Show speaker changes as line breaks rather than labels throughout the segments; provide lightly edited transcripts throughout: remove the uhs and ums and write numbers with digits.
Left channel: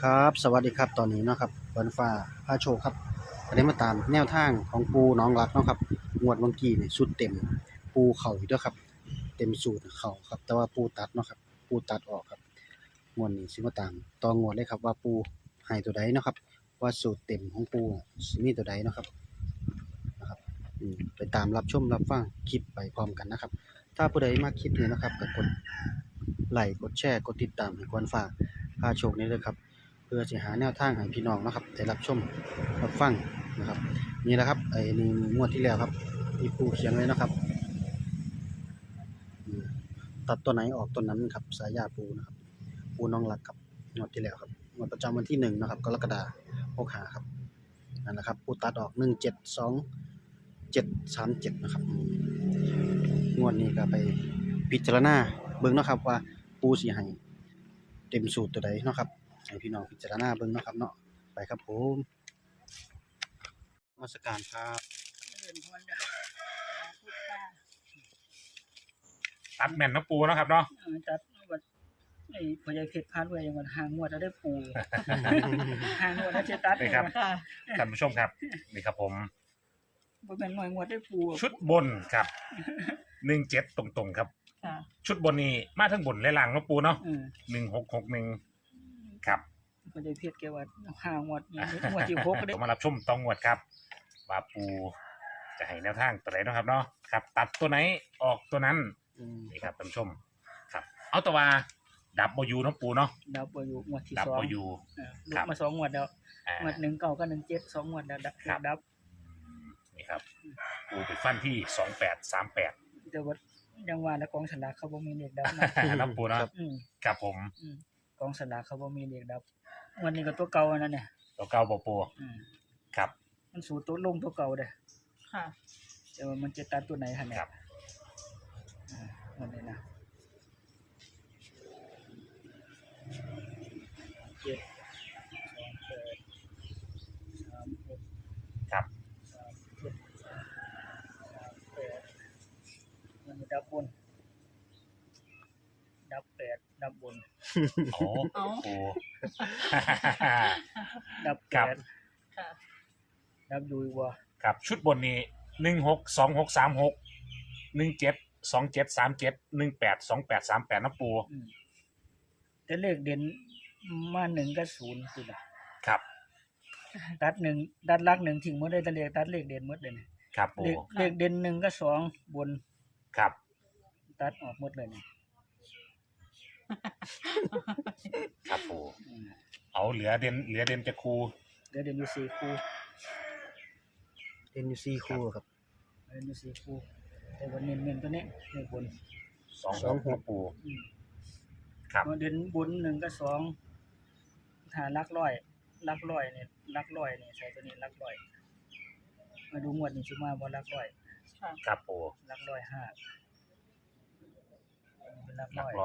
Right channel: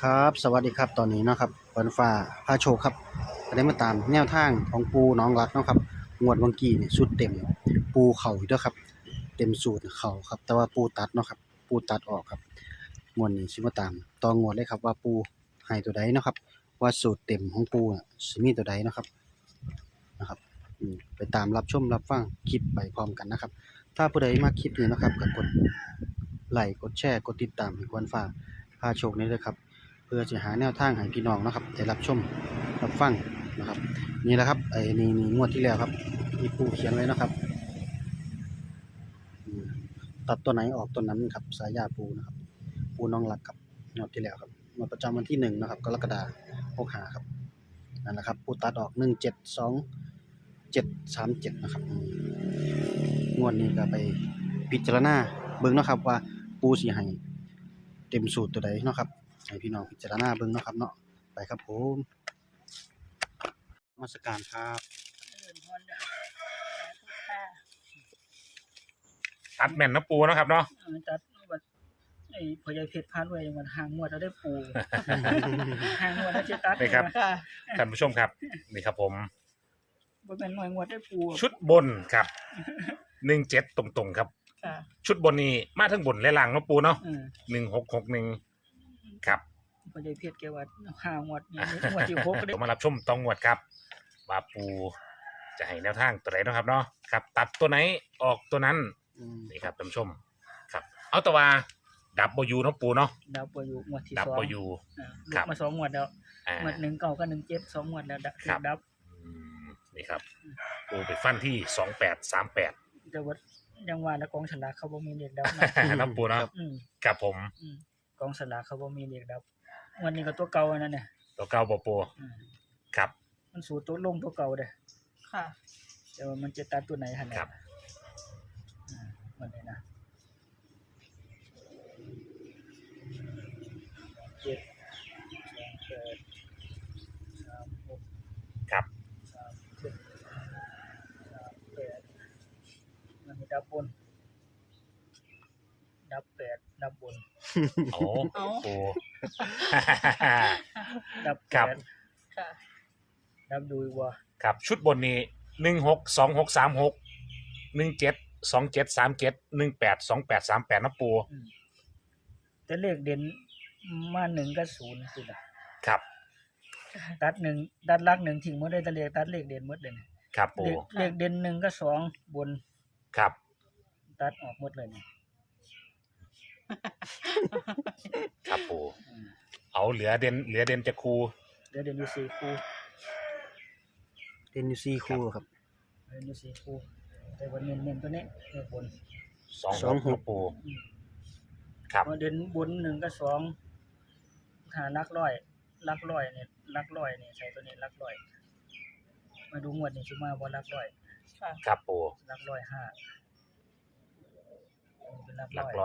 ครับสวัสดีครับตอนนี้เนาะครับวันฟ้าพาโชคครับก็ได้มาตามแนวทางของปูน้องรักเนาะครับงวดเมื่อกี้นี่สุดเต็มปูเข่าอยู่เด้อครับเต็มสูตรเข่าครับแต่ว่าปูตัดเนาะครับปูตัดออกครับงวดนี้สิมาตามต่องวดเลยครับว่าปูให้ตัวใดเนาะครับว่าสูตรเต็มของปูน่ะสิมีตัวใดเนาะครับนะครับไปตามรับชมรับฟังคลิปไปพร้อมกันนะครับถ้าผู้ใดมาคลิปนี้นะครับก็กดไลค์กดแชร์กดติดตามให้กวนฟ้าพาโชคนี้เลยครับ เพื่อจะหาแนวทางให้พี่น้องนะครับได้รับชมรับฟังนะครับนี่แหละครับนี่งวดที่แล้วครับที่ปูเขียนไว้นะครับอืมตัดตัวไหนออกตัวนั้นครับสายยาปูนะครับปูน้องหลักครับงวดที่แล้วครับงวดประจำวันที่1นะครับกรกฎาคม65ครับนั่นแหละครับปูตัดออก172 737นะครับงวดนี้ก็ไปพิจารณาเบิ่งเนาะครับว่าปูสิให้เต็มสูตรตัวใดเนาะครับให้พี่น้องพิจารณาเบิ่งเนาะครับเนาะไปครับผมนมัสการครับ
เดินพรเด้อทุกท่า
ตัดแม่นนะปูนะครับเนาะ
จัดวัดไอ้พ่อใหญ่เพชรพานไว้ยังวันหางงวดเราได้ปู หางงวดแล้วจะตัด
นี่ครับ
ค่ะ
ท่านผู้ชมครับนี่ครับผม
บ่แม่นหน่วยงวดได้ปู
ชุดบนครับ17ตรงๆครับ
ค่ะ
ชุดบนนี้มาทั้งบนและล่างเนาะปูเนาะ
เออ
1661ครับ
พ่อใหญ่เพชรแกว่าหางวดนี่งวดที่6ก็ได้
มารับชมต้องงวดครับว่าปูจะให้แนวทางตัวไหนเนาะครับเนาะครับ ตัดตัวไหนออกตัวนั้นนี่ครับท่านผู้ชมครับเอาแต่ว่าดับเบิลยูเนาะปูเนาะ
ดับบ่อยู่งวดที่
ดับเบิลยู
2ลุกมา2งวดแล้วงวด19กับ17 2งวดแล้วดับ
นี่ครับปูไปฟันที่2838
แต่ว่ายังว่าแล้วกองฉลากเขาบ่มีเลขดับนะ
ครับปูนะครับครับผม
กองฉลากเขาบ่มีเลขดับงวดนี้ก็ตัวเก่านั่นน่ะ
ตัวเก่าบ่ปูครับ
มันสู่ตัวลงตัวเก่าเด้อค่ะแต่ว่ามันจะตัดตัวไหนหั่นน่ะมันนี่นะ7 2 8 3 6
ครับ
3 7 3 8มันดับบนดับ8ดับบน
โอ้
ดับ8ค่ะดับดูอีกว่า
ครับชุดบนนี้162636 172737 182838นะปู
แต่เลขเด่นมา1กับ0คือล่ะ
ครับ
ตัด1ตัดหลัก1ทิ้งหมดเลยแต่เลขตัดเลขเด่นหมดเลย
ครับปู
เลขเด่น1กับ2บน
ครับ
ตัดออกหมดเลยนี่
ครับปูเอาเหลือเด่นจะคู
เหลือเด่นอยู่4คู่
เล่นอยู่4คู่ครับ
เด่นอยู่4คู่แต่ว่าเน้นตัวนี้เลขบน
26ปูครับ
เด่นบน1กับ2ถ้าหลักร้อยนี่หลักร้อยนี่ใส่ตัวนี้หลักร้อยมาดูงวดนี้สิมาบ่หลักร้อย
ครับปู
หลักร้อย5เป็นหลัก
ร้อย5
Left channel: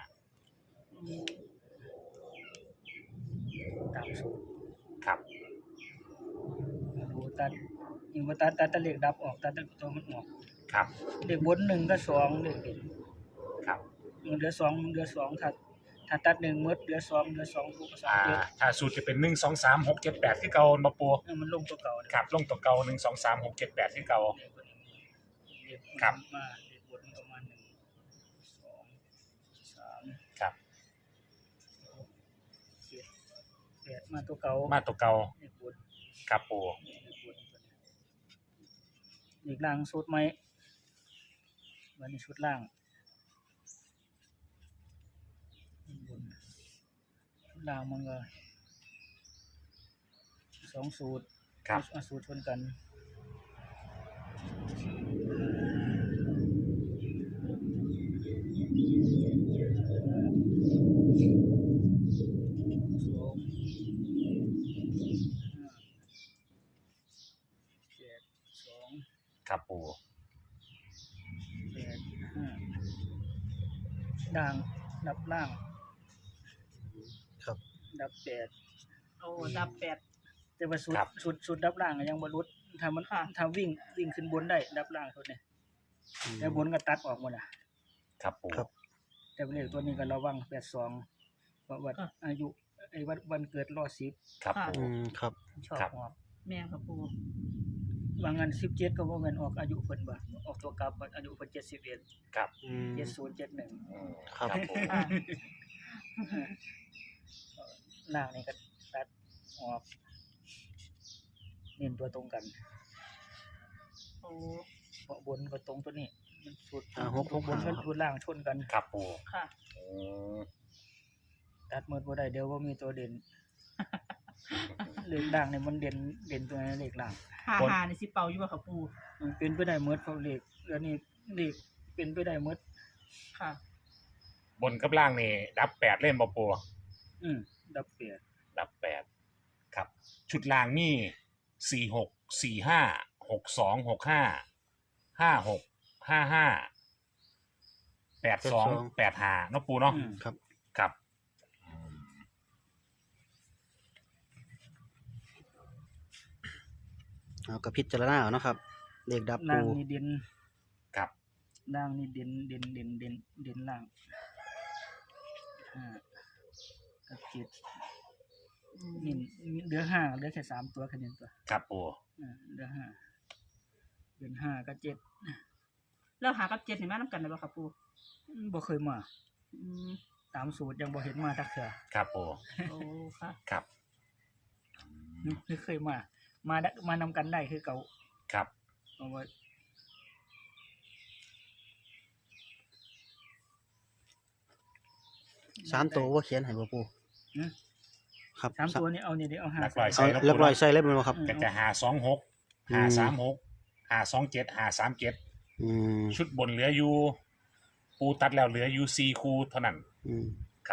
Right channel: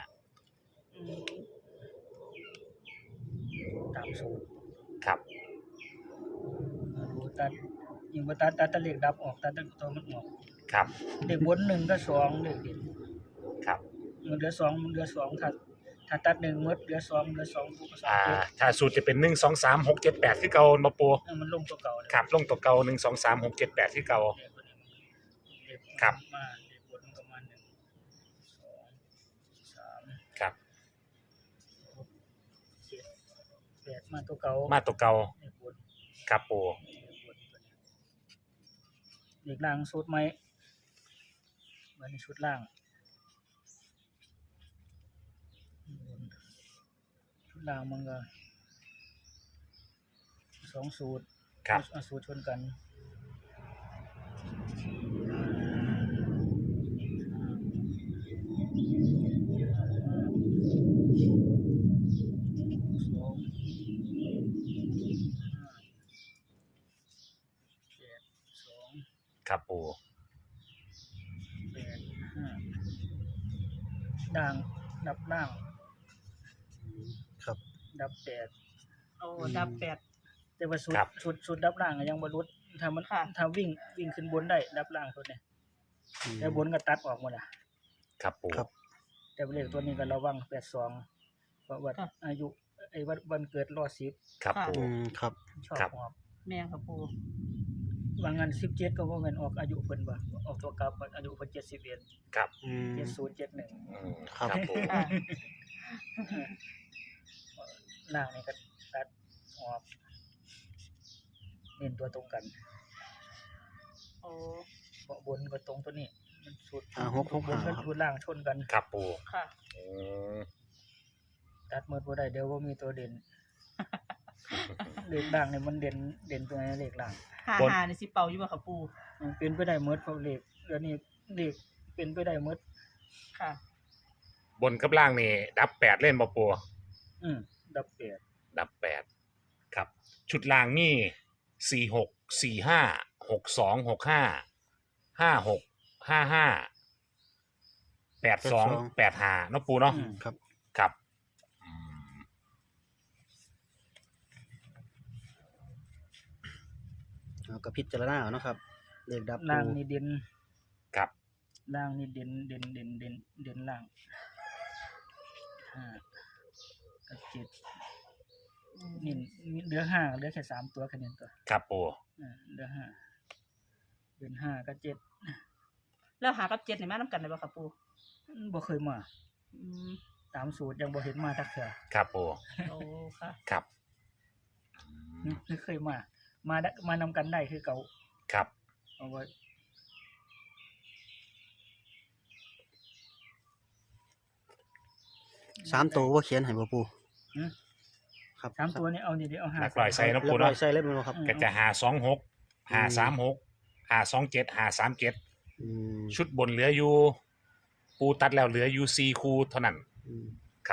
ตามสูตร
ครับ
ดูตัดยิ่งว่าตัดเลขดับออกตัดตัวมันออก
ครับ
เลขบน1กับ2เลขเด่น
ครับ
มันเหลือ2ถ้าตัด1หมดเหลือ2คู่กับ2
ถ้าสูตรจะเป็น1 2 3 6 7 8คือเก่าบ่ปู
มันลงตัวเก่า
ครับลงตัวเก่า1 2 3 6 7 8คือเก่าครับ
มาเลขบนประมาณ1 2 3
ครับ
8มาตัวเก่าเลขบน
ครับปู
เลขล่างสูตรใหม่วันนี้ชุดล่างชุดล่างมันก็2สูตรสูตรชนกัน
ครับปู
ด่างดับล่าง
ครับ
ดับ8ดับ8แต่ว่าชุดดับล่างยังบ่รุดถ้าวิ่งขึ้นบนได้ดับล่างสุดนี่แต่บนก็ตัดออกหมด
ครับปู
ครับ
แต่เลขตัวนี้ก็ระวัง82เพราะว่าอายุไอ้วันเกิดรอ10
ครับปู
ครับ
ชอบ
ครับ
หอบ
แม่ค่ะปู
บางงาน17ก็บ่เงินออกอายุเพิ่นบ่ออกตัวกลับอายุเพิ่น71
ครับ
70 71
ครับ
ปู
ค่ะ
ล่างนี่ก็ตัดหอบเน้นตัวตรงกัน
โอ้
เพราะบนก็ตรงตัวนี้มันสุด
6 6
บนกับ
5
สุดล่างชนกัน
ครับปู
ค่ะ
อืม
ตัดหมดบ่ได้เดี๋ยวบ่มีตัวเด่น เลขล่างเนี่ยมันเด่นตัวไหนเลขล่าง
55นี่สิเป่าอยู่บ่ค่ะปู
มันเป็นไปได้หมดเพราะเลขแล้วนี่เลขเป็นไปได้หมด
ค่ะ
บนกับล่างนี่ดับ8เล่นบ่ปู
ดับเปียด
ดับ8ครับ ชุดล่างนี่46 45 62 65 56 55 82 85เนาะปูเนาะ
ครับ
ครับอืม
เอาก็พิจารณาเอาเนาะครับเลขดับ
ล่าง
ปู
นี่เด่น
ครับ
ล่างนี่เด่นล่าง5กับ7นี่เหลือ5เหลือแค่3ตัวแค่นี้ตัว
ครับปู
เหลือ5เป็น5กับ7
แล้วหากับ7นี่มานำกันได้บ่ค่ะปู
บ่เคยมา
อืม
ตามสูตรยังบ่เห็นมาทักเทื่อ
ครับปู
โอ้ค่ะ
ครับอืม
ไม่เคยมานำกันได้คือเก่า
ครับ
เพราะว่า
3ตัวบ่เขียนให้บ่ปู
หือ
ครับ
3ตัวนี้เอานี่เดี๋ยวเอา
นัก
5
ลอย
เอา
ใส่เนาะ
เรีย
ปู
บร้อย
เนาะ
ใส่เรียบร้อยบ่ครับ
ก็จะ526 536 527 537
อืม
ชุดบนเหลืออยู่ ปูตัดแล้วเหลืออยู่4คู่เท่านั้น
อืม
ครับ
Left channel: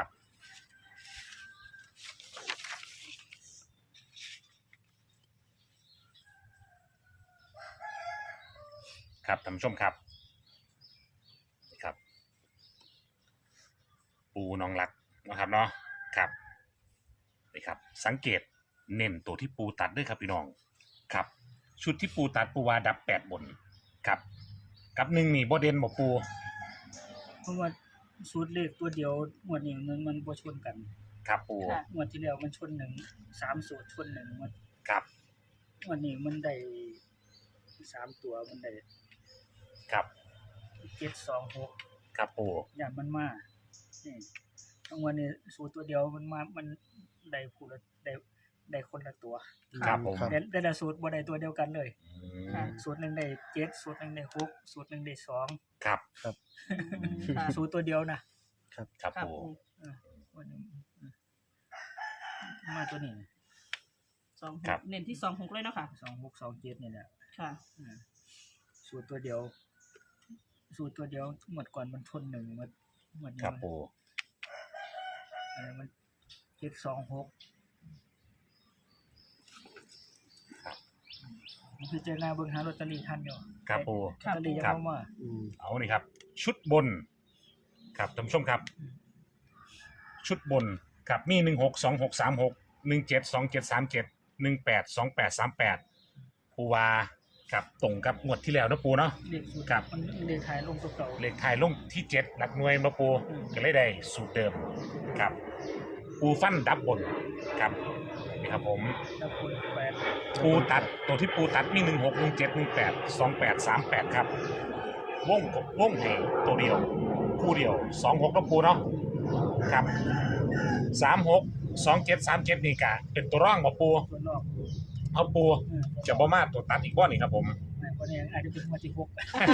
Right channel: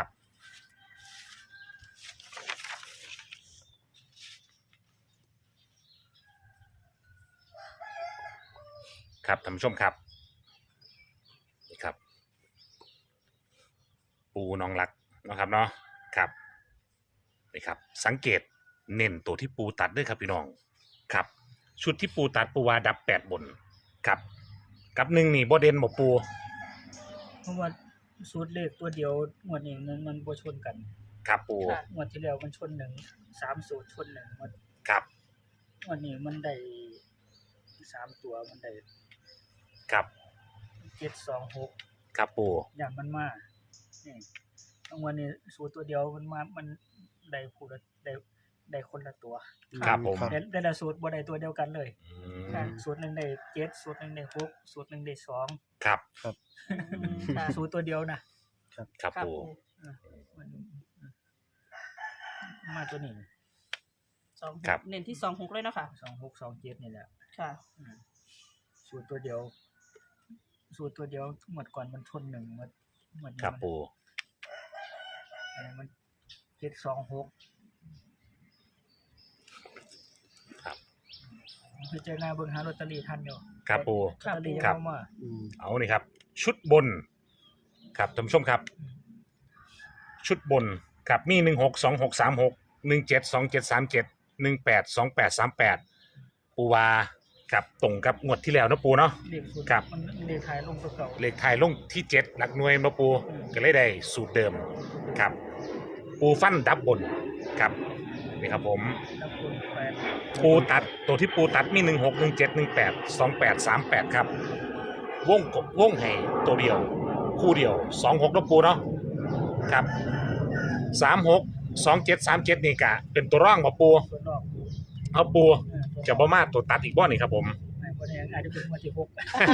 ครับท่านผู้ชมครับนี่ครับ ปูน้องรักนะครับเนาะครับนี่ครับ สังเกตเน้นตัวที่ปูตัดด้วยครับพี่น้องครับ ชุดที่ปูตัดปูวาดับ8บนครับ กับ1นี่บ่เด่นบ่ปู
เพราะว่าสูตรเลขตัวเดียวงวดนี้มันบ่ชนกัน
ครับปู
ค่ะ
งวดที่แล้วมันชน3สูตรชน1หมด
ครับ
งวดนี้มันได้3ตัวมันได้
ครับ
726
ครับปู
อย่างมันมานี่ทั้งวันนี้สูตรตัวเดียวมันได้ผู้ละได้คนละตัว
ครับผม
ครับ
แต่ละสูตรบ่ได้ตัวเดียวกันเลย
อื
ค่ะ
ม
สูตรหนึงได้7สูตรหนึงได้6สูตรหนึงได้2
ครับ
ค่ะ
สูตรตัวเดียวนะครับ
ครับ
ค่ะ
ปู
ปู
วันนี้มาตัวนี้
26เน้นที่26เลยเนาะค่ะ
2627นี่แหละ
ค่ะ
อืมสูตรตัวเดียว หมดก่อนมันชน1หมดนี้
ครับปู
อันนี้มัน726
ครับ
พิจารณาเบิ่งหาลอตเตอรี่ทันอยู่
ครับปู
ลอตเตอรี่ยัง
ครับ
เข้ามา
อืม
เอานี่ครับ ชุดบน ครับท่านผู้ชมครับ ชุดบนครับมี162636 172737 182838ปูวาครับตรงกับงวดที่แล้วเนาะปูเนาะ
เลขสูตร
ครับ
มันเลขท้ายลงตัวเก่า
เลขไทายลงที่7หลักหน่วยมาปู
อืม
ก็เลยได้สูตรเดิมครับ ปูฟันดับบนครับนี่ครับผม
แล้วคนแปด
ปูตัดตัวที่ปูตัดมี16 17 18 28 38ครับวงให้ตัวเดียว คู่เดียว26แล้วปูเนาะครับ36 27 37นี่กะเป็นตัวร่างบ่ปู
ส่วนนอก
เอาปูจะบ่มาตัวตัดอีกบ่นี่ครับผม
ไม่คนนี้อาจจะเป็นวันที่หก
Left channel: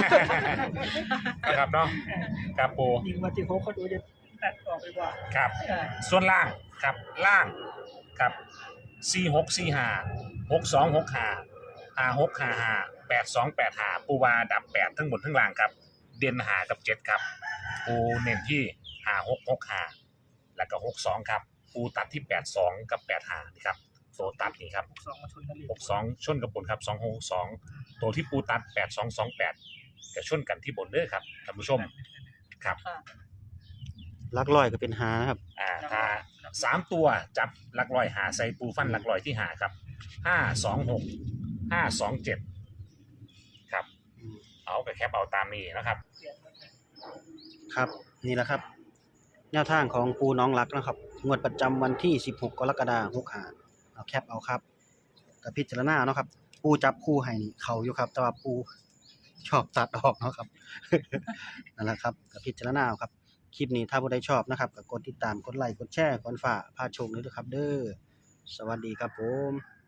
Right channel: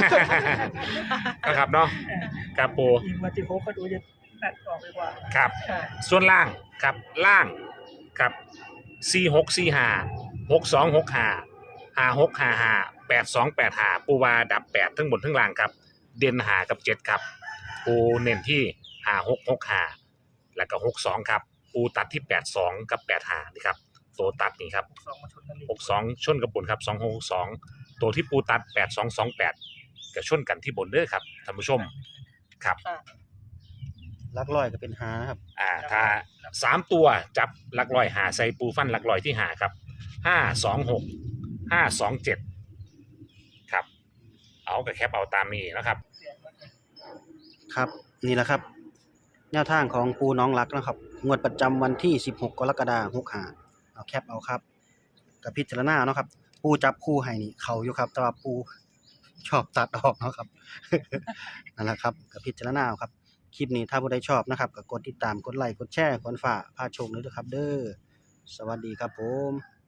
นะครับเนาะครับปู
ยิงวันที่หกเขาดูจะตัดออกไปกว่า
ครับ ส่วนล่างครับล่างครับ46 45 62 65 56 55 82 85ปูวาดับ8ทั้งบนทั้งล่างครับ เด่นหากับ7ครับ ปูเน้นที่56 65แล้วก็62ครับ ปูตัดที่82กับ85นี่ครับโซตัดนี่ครับ
สองมาชนกันเลย
62ชนกับบนครับ262ตัวที่ปูตัด8228ก็ชนกันที่บนเด้อครับท่านผู้ชมครับ
ค่ะ
หลักร้อยก็เป็นหาครับ
ถ้า3ตัวจับหลักร้อยหาใส่ปูฟันหลักร้อยที่หาครับ526 527ครับเอากับแคปเอาตามนี้นะครับ
เปลี่ยนหมดเลย
ครับ นี่แหละครับแนวทางของปูน้องรักนะครับงวดประจำวันที่16กรกฎาคม65เอาแคปเอาครับกับพิจารณาเนาะครับปูจับคู่ให้นี่เขาอยู่ครับแต่ว่าปูชอบตัดออกเนาะครับ นั่นแหละครับกับพิจารณาเอาครับคลิปนี้ถ้าผู้ใดชอบนะครับก็กดติดตามกดไลค์กดแชร์กดฝากพาโชคเลยด้วยครับเด้อสวัสดีครับผม